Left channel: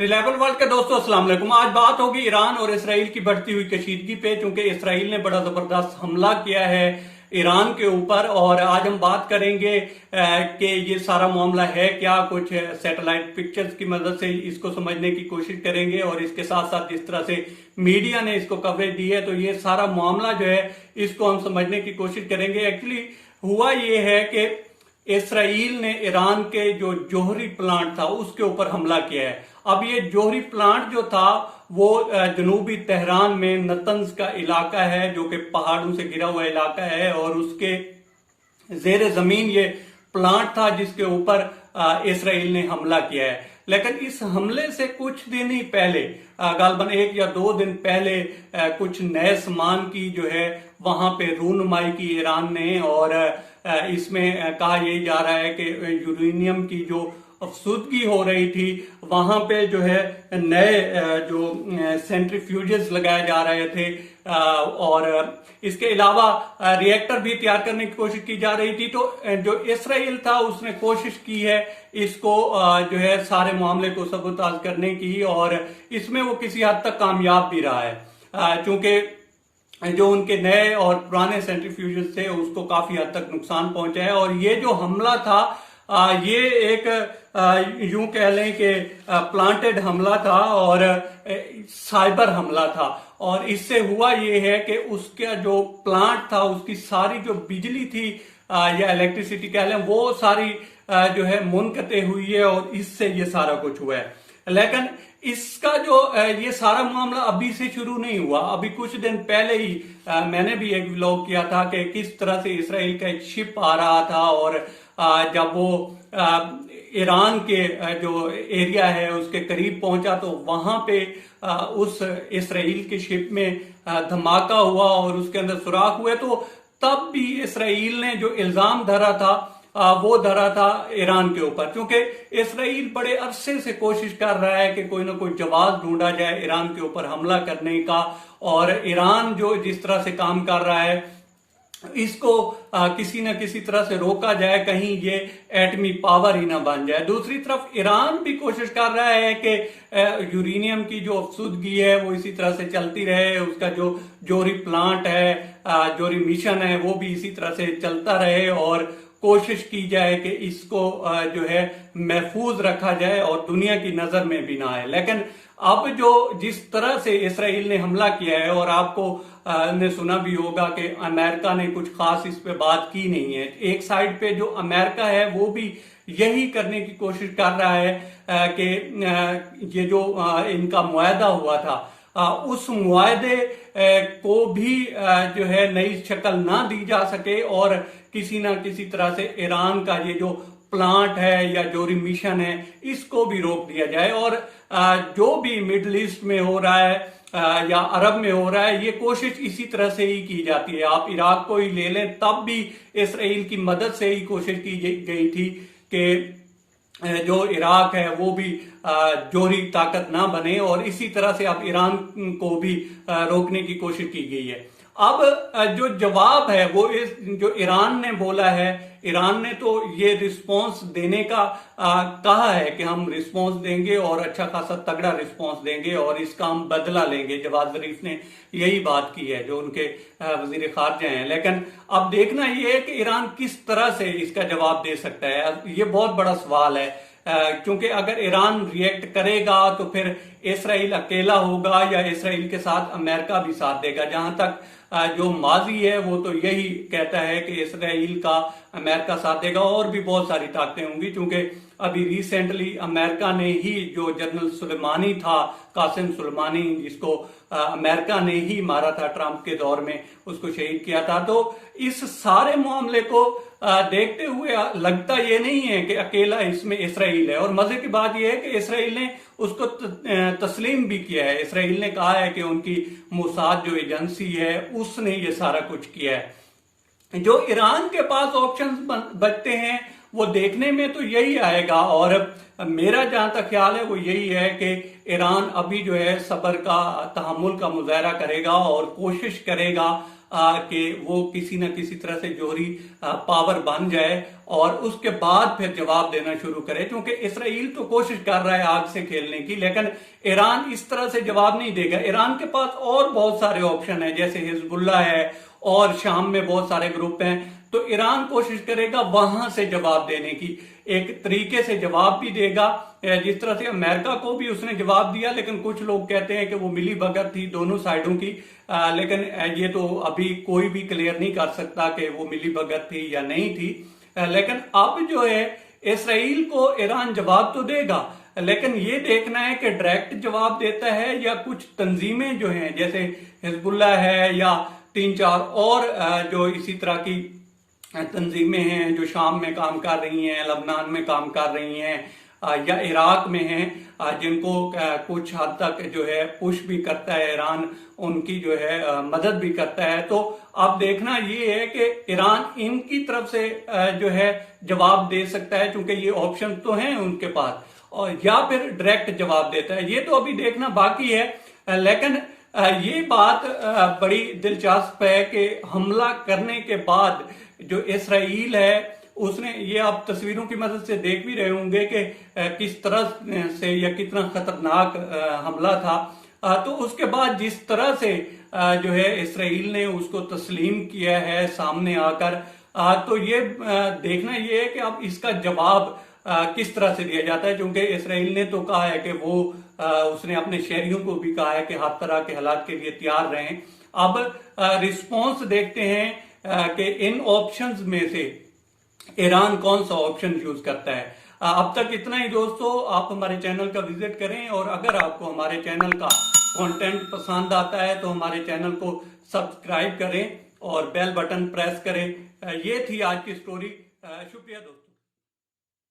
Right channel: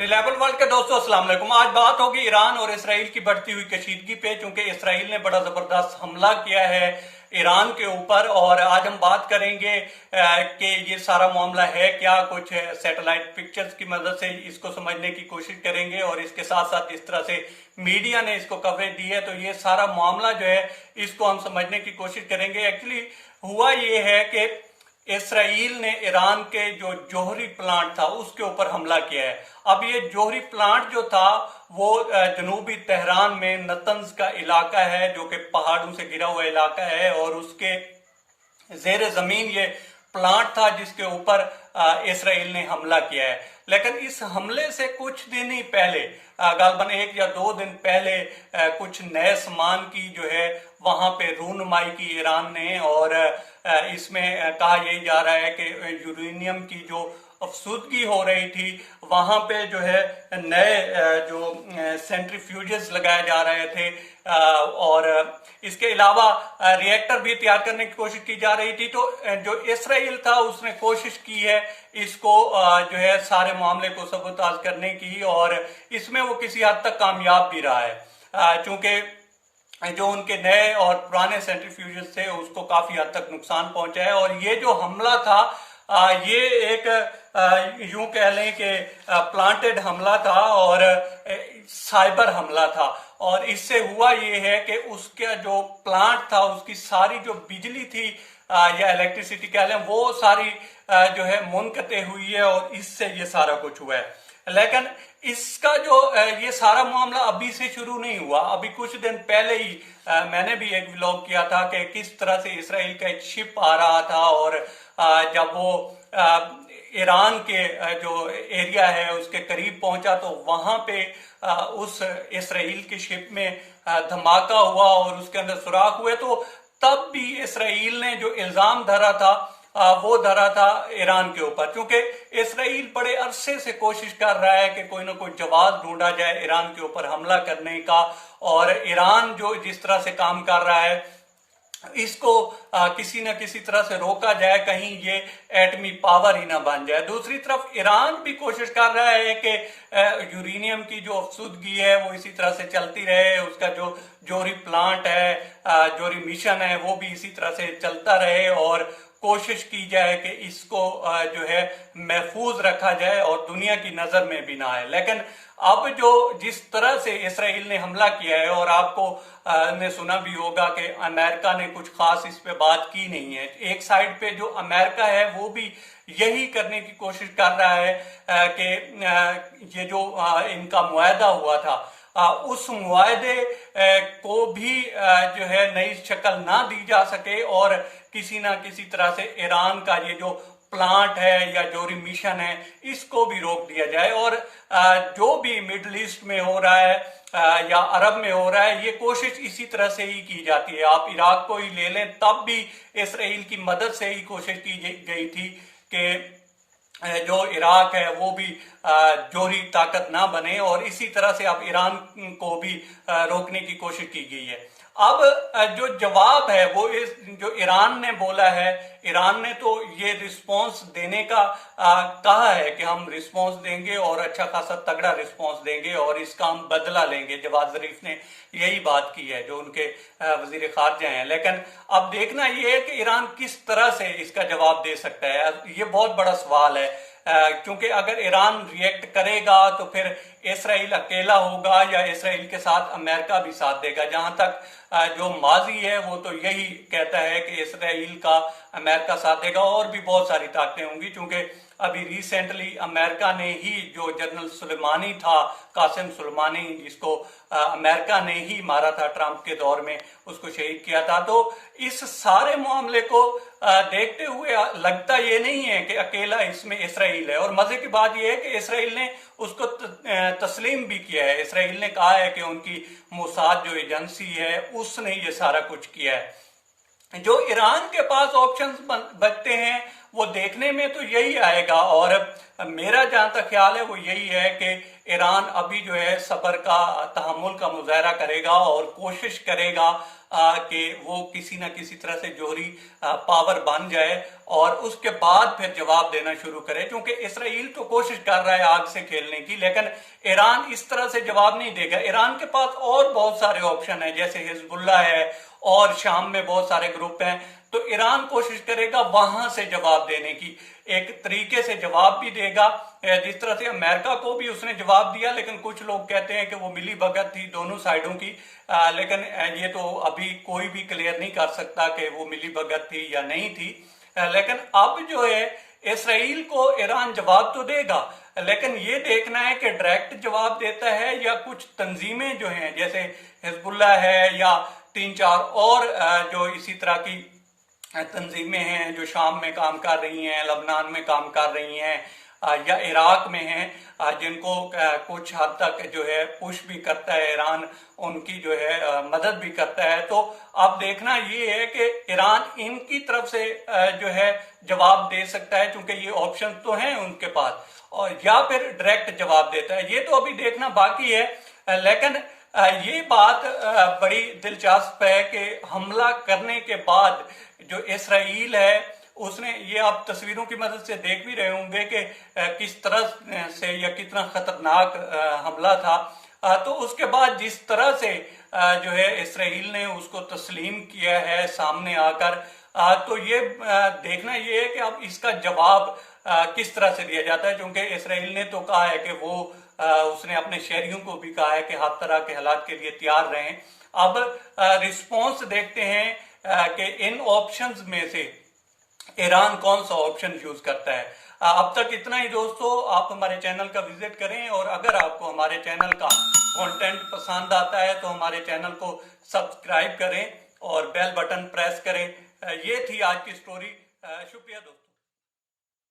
Reliable world के दोस्तों अस्सलाम वालेकुम। आज बात होगी ईरान और इसराइल की बढ़ती हुई कशीदगी पे, चूंकि इसराइल ने बड़ा जबरदस्त हमला किया है ईरान के ऊपर। और आज हम बात करेंगे कि ये सारा मामला है क्या, कुछ सैटेलाइट पिक्चर्स की मदद से इसको समझने की कोशिश करेंगे और इसके साथ साथ जिस तरह से मीडिया ने इसको कवरेज दी है तो ये सारा मामला जो है इसको हम समझने की कोशिश करेंगे। एक्चुअली हुआ ये है कि इसराइल ने ईरान के जो जौहरी प्लांट था उसके ऊपर हमला किया है। अब ये जौहरी प्लांट जो था वो जनूबी तेहरान में नतंज का इलाका है, जो कि पहाड़ों से घिरा हुआ इलाका है, और उसके जेर जमीन ये प्लांट था जिसके ऊपर इसराइल ने हमला किया है। लेकिन इस हमले से कुछ दिन ही पहले, गालबन 1 या 2 दिन पहले, कुछ नए सामान की जो है वहां पे रूनुमाई की ईरान ने। और इसमें कहा यही जा रहा है कि यूरेनियम की जो अफसुदगी हो रही थी वहां पे जो है नए जो सेंट्रीफ्यूजेस लगाए जा रहे थे, और इसके अलावा रिएक्टर भी तैयार करने की कोशिश की जा रही थी। तो जो इसराइल था उसने कोशिश की है इसको जो है सारे मामले को सबूताज करने की, और इसमें वो किसी हद तक कामयाब भी रहा है, चूंकि जो उनके नए और पुराने सेंट्रीफ्यूजेस थे उसको काफी हद तक नुकसान पहुंचा है। और ये जो हमला था ये एक यूं कह लें कि प्लांटेड हमला था और साइबर हमला था। और इससे हुआ ये है कि उसका जो प्लांट था उसकी सारी जो बिजली थी या इलेक्ट्रिसिटी कह लें वो सारी जो है मुनक़ते हुई है, और इससे ये सारा कुछ हुआ है। लेकिन इसका जो ये सारा मामला अभी से शुरू नहीं हुआ। अभी कुछ दिन पहले ही मैंने भी एक व्लॉग किया था कि किस तरह से इसराइल का एक शिप आ रहा था, और जब वो ईरान के जो एरिया है उसके करीब पहुंचा तो वहां पे उस इसराइल के शिप में धमाका हुआ और उसके अंदर सुराख हुए। तो तब भी इसराइल ने जो इल्जाम धरा था वो धरा था ईरान के ऊपर, क्योंकि इसराइल बड़े अरसे से कोशिश कर रहा है कि कोई ना कोई जवाब ढूंढा जाए ईरान के ऊपर हमला करने का। और ईरान जो जिस तरह से काम कर रहा है इसको किसी न किसी तरह से रोका जाए, कहीं ये एटमी पावर ही ना बन जाए। दूसरी तरफ ईरान भी कोशिश कर रहा है कि यूरेनियम की जो अफसुदगी है वो इसी तरह से चलती रहे, उसका जो जौहरी प्लांट है, जौहरी मिशन है, वो भी इसी तरह से चलता रहे, और कोशिश की जाए कि इसको जो है महफूज रखा जाए और दुनिया की नजर में भी ना आए। लेकिन अब जो जिस तरह से इसराइल ने हमला किया है, और आपको ने सुना भी होगा कि अमेरिका ने कुछ खास इस पे बात की नहीं है। एक साइड पे जो अमेरिका है वो भी यही करने की कोशिश कर रहा है कि ये जो इनका मुआहदा हुआ था उस मुआहदे को भी जो है नई शक्ल ना दी जा सके, और किसी ना किसी तरह से ईरान का ये जो प्लांट है या जौहरी मिशन है इसको भी रोक दिया जाए। और जो भी मिडल ईस्ट में हो रहा है या अरब में हो रहा है, ये कोशिश इसी तरह से ही की जाती है। आप इराक को ही ले लें, तब भी इसराइल की मदद से ही कोशिश की गई थी कि जो इराक है वो भी जौहरी ताकत ना बने, और इसी तरह से अब ईरान को भी रोकने की कोशिश की गई है। अब जो जवाब है वो जो ईरान ने बोला है, ईरान ने तो ये रिस्पांस देने का कहा है कि हम रिस्पांस देंगे और अच्छा खासा तगड़ा रिस्पांस देंगे और इसका हम बदला लेंगे। जवाद जरीफ ने यही बात की है, जो उनके वजीर खारजा हैं। लेकिन अब देखना ये है कि ईरान किस तरह से इसका जवाब दे सकता है, ये बहुत बड़ा सवाल है। क्योंकि अगर ईरान रिएक्ट करेगा तो फिर इसराइल अकेला होगा या इसराइल के साथ अमेरिका भी साथ देगा। जहां तक जो माजी है वो तो यही कहता है कि इसराइल का अमेरिका साथ देगा, और भी बहुत सारी ताकतें होंगी। क्योंकि अभी रिसेंटली अमेरिका ने ही जो जनरल सुलेमानी था, कासिम सुलेमानी, जिसको अमेरिका ने ही मारा था ट्रंप के दौर में, उसको शहीद किया था। तो इस सारे मामले को देखते हुए लगता ये नहीं है कि अकेला इसमें इसराइल है। और मजे की बात यह है कि इसराइल ने उसको तस्लीम भी किया है। इसराइल ने कहा है कि उनकी मोसाद जो एजेंसी है उसने ये सारा कुछ किया है। जो ईरान के पास ऑप्शंस बचते हैं वो देखने में तो यही आएगा, और मेरा जहां तक ख्याल है वो यही है कि ईरान अभी जो है सब्र का, तहम्मुल का मुजाहरा करेगा और कोशिश करेगा कि वो किसी न किसी तरह से जोहरी पावर बन जाए और उसके बाद फिर जवाब देना शुरू करे, क्योंकि इसराइल तो कोशिश कर रहा है आग से खेलने की, लेकिन ईरान इस तरह से जवाब नहीं देगा। ईरान के पास और बहुत सारे ऑप्शन हैं, जैसे हिजबुल्ला है और शाम में बहुत सारे ग्रुप हैं, तो ईरान कोशिश करेगा वहां से जवाब देने की, एक तरीके से जवाब भी देगा जिस तरह से अमेरिका को भी उसने जवाब दिया। लेकिन कुछ लोग कहते हैं कि वो मिली भगत थी दोनों साइडों की, लेकिन ये तो अभी कोई भी क्लियर नहीं कर सकता कि वो मिली भगत थी या नहीं थी। लेकिन अब जो है इसराइल को ईरान जवाब तो देगा, लेकिन ये देखना है कि डायरेक्ट जवाब देता है या कुछ तंजीमें जो हैं जैसे हिजबुल्ला है या 3-4 और जो इसी तरह की तंजीमें हैं जो शाम में काम कर रही हैं, लबनान में काम कर रही हैं या इराक में हैं, जिनको कुछ हद तक जो है पुश भी करता है ईरान, उनकी जो है मदद भी करता है। तो अब देखना ये है कि ईरान इनकी तरफ से जो है जवाब दे सकता है, क्योंकि ये ऑप्शन तो हैं उनके पास, और या फिर डायरेक्ट जवाब देता है, ये तो अभी देखना बाकी है। लेकिन ये बात बड़ी दिलचस्प है कि हमला करने के बाद जो इसराइल है उसने, ये आप तस्वीरों की मदद से देख भी रहे होंगे कि किस तरह से या कितना खतरनाक हमला था, तो उसके बाद जिस तरह से जो है इसराइल ने उसको तस्लीम किया है सामने आकर, तो ये देखना ये है कि अब इसका जवाब किस तरह से दिया जाता है, क्योंकि इसराइल ने तो कहा है कि वो उसने अपने शहरियों को भी कहा है कि हर तरह के हालात के लिए तैयार रहें। अब रिस्पॉन्स देखते हैं कि इन ऑप्शंस में से ईरान कौन सा ऑप्शन यूज करता है। अब तक इतना ही दोस्तों, आप हमारे चैनल का विजिट करें, और अगर आपको हमारे चैनल का कंटेंट पसंद आता है तो हमारे चैनल को सब्सक्राइब करें और बेल बटन प्रेस करें। ये थी आज की स्टोरी। शुक्रिया दोस्तों।